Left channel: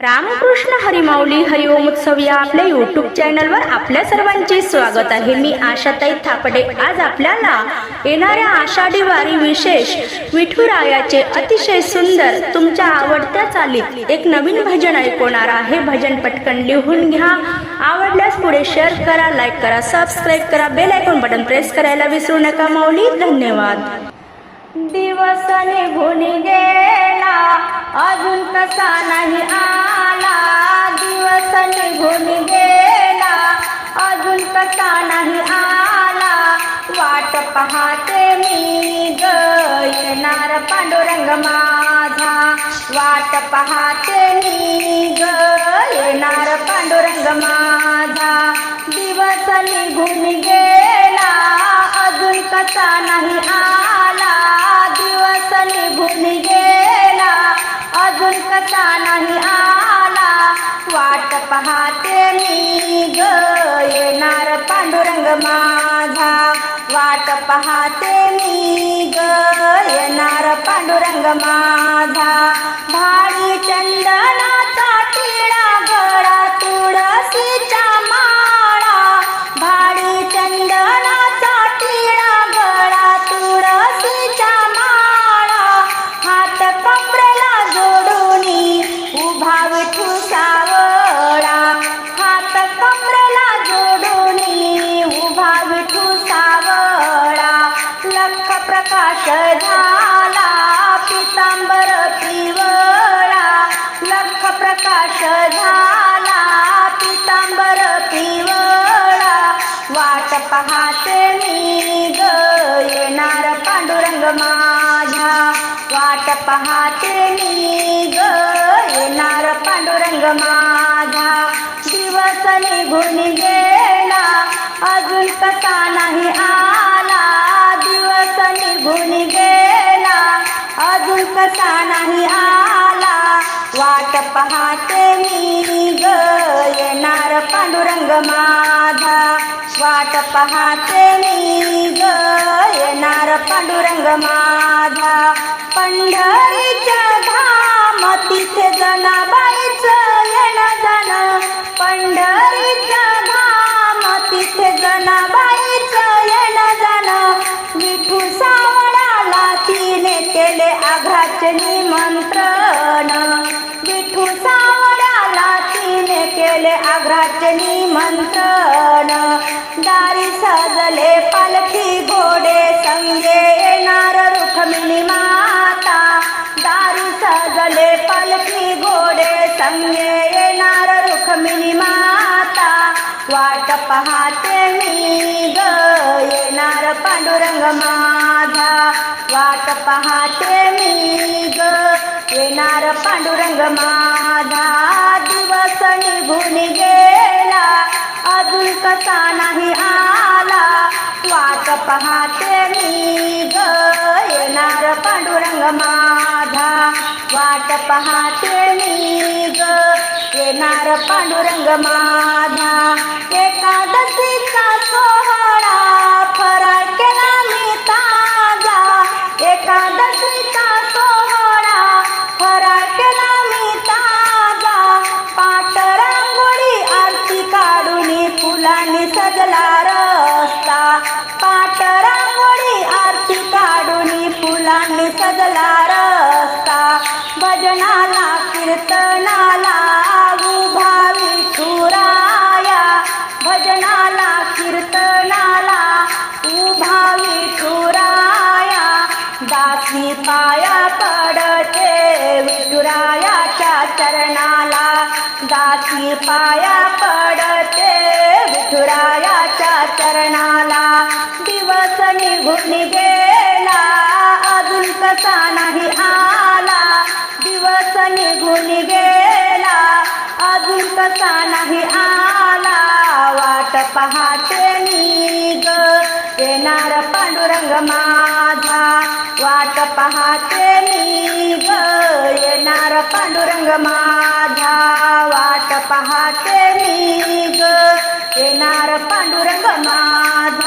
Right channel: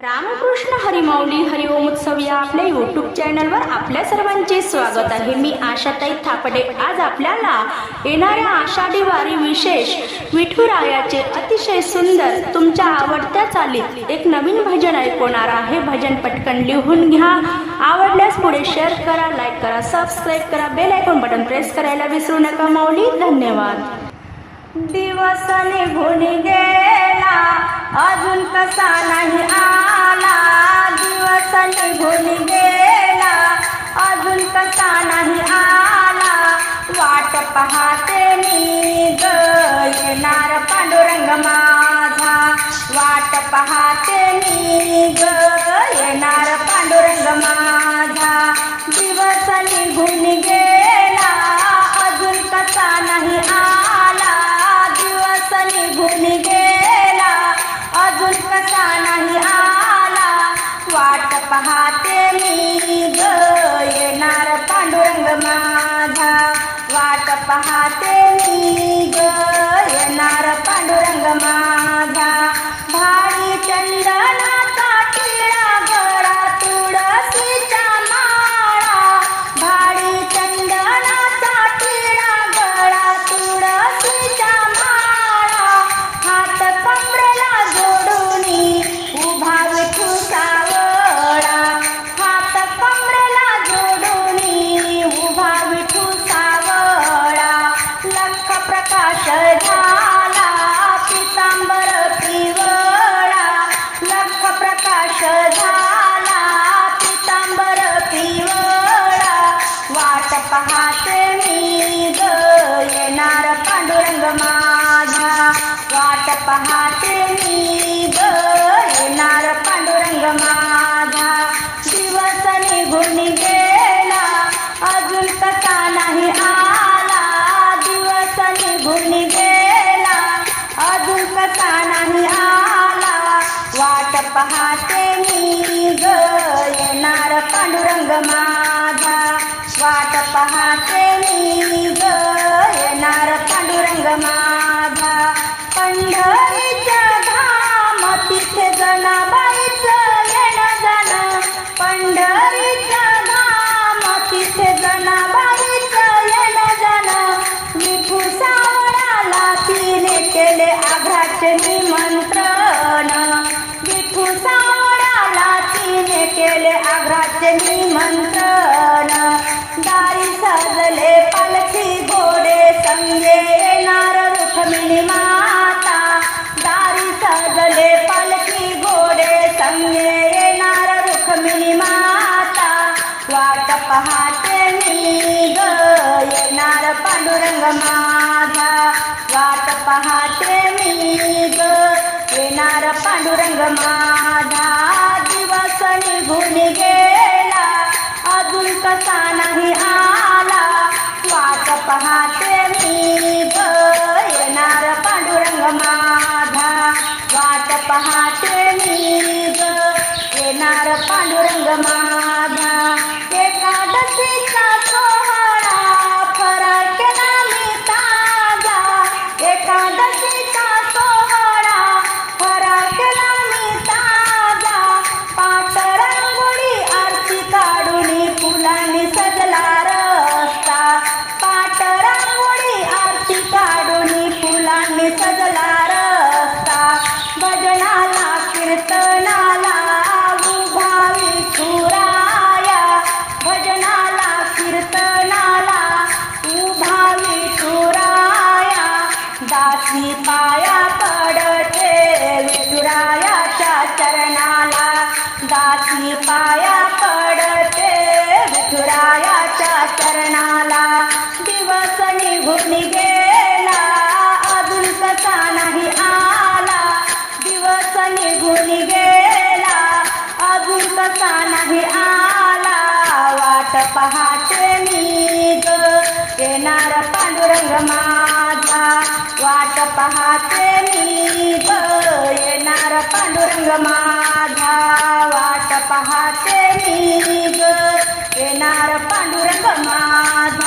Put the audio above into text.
रामकृष्ण हरिमाऊली हरिओम उत्सव या आपल्या यूट्यूब चॅनलवर आपल्या सर्वांचे स्वागत आहे। मी आशाताई थापडे। आज आपल्याला येणाऱ्या आषाढी वारी विशेष विठुरायाचे अतिशय सुंदर तुमच्या आवडत्या चालीत एक नवीन भजन ऐकवणार आहे। भजन पटकन लिहून घ्या। आवडल्यास पुढे शेअर करा, लाईक करा, सबस्क्राईब करा, बेल आयकॉन बटन प्रेस करायला विसरू नका। माऊली धन्यवाद। दिवस निघून गेला अजून कसा नाही आला, दिवस निघून गेला अजून कसा नाही आला, वाट पाहते मी ग येणार पांडुरंग माझा, वाट पाहते मी ग येणार पांडुरंग माझा, दिवस निघून गेला अजून कसा नाही आला, दिवस निघून गेला अजून कसा नाही आला, वाट पाहते मी ग येणार पांडुरंग माझा, वाट पाहते मी ग येणार पांडुरंग माझा, भारी चंदनाचा टिळा गळा तुळशीचा माळा, भारी चंदनाचा टिळा गळा तुळशीचा माळा, हात कमरेला जोडूनी उभा विठू सावळा, हात कमरेला जोडूनी उभा विठू सावळा, लख प्रकाश झाला पितांबर पिवळा, लख प्रकाश झाला पितांबर पिवळा, वाट पाहते मी ग येणार पांडुरंग माझा, वाट पाहते मी ग येणार पांडुरंग माझा, दिवस निघून गेला अजून कसा नाही आला, दिवस निघून गेला अजून कसा नाही आला, वाट पाहते मी ग येणार पांडुरंग माझा, वाट पाहते मी ग येणार पांडुरंग माझा, पंढरीच्या धाम तिथे जनाबाईचं येणं जाणं, पंढरीच्या धाम तिथे जनाबाईचं येणं जाणं, विठू सावळाला तिने केले आघाचे निमंत्रण, विठू सावळाला तिने केले आघाचे निमंत्रण, दारी सजले पालखी घोडे संगे येणार रुक्मिणी माता, दारी सजले पालखी घोडे संगे येणार रुक्मिणी माता, वाट पाहते मी ग येणार पांडुरंग माझा, वाट पाहते मी ग येणार पांडुरंग माझा, दिवस निघून गेला अजून कसा नाही आला, वाट पाहते मी ग येणार पांडुरंग माझा, वाट पाहते मी ग येणार पांडुरंग माझा, एकादशीचा सोहळा फराळ केला मी ताजा, एकादशीचा सोहळा फराळ केला मी ताजा, पाट रांगोळी आरती काढून फुलांनी सजला रस्ता, पाट रांगोळी आरती काढून फुलांनी सजला रस्ता, भजनाला कीर्तनाला उभा विठुराया, भजनाला कीर्तनाला उभा विठुराया, दासी पाया पडते विठुरायाच्या चरणाला, दासी पाया पडते विठुरायाच्या चरणाला, दिवस निघून गेला अजून कसा नाही आला, दिवस निघून गेला अजून कसा नाही आला, वाट पाहते मी ग येणार पांडुरंग माझा, वाट पाहते मी ग येणार पांडुरंग माझा, वाट पाहते मी ग येणार पांडुरंग माझा.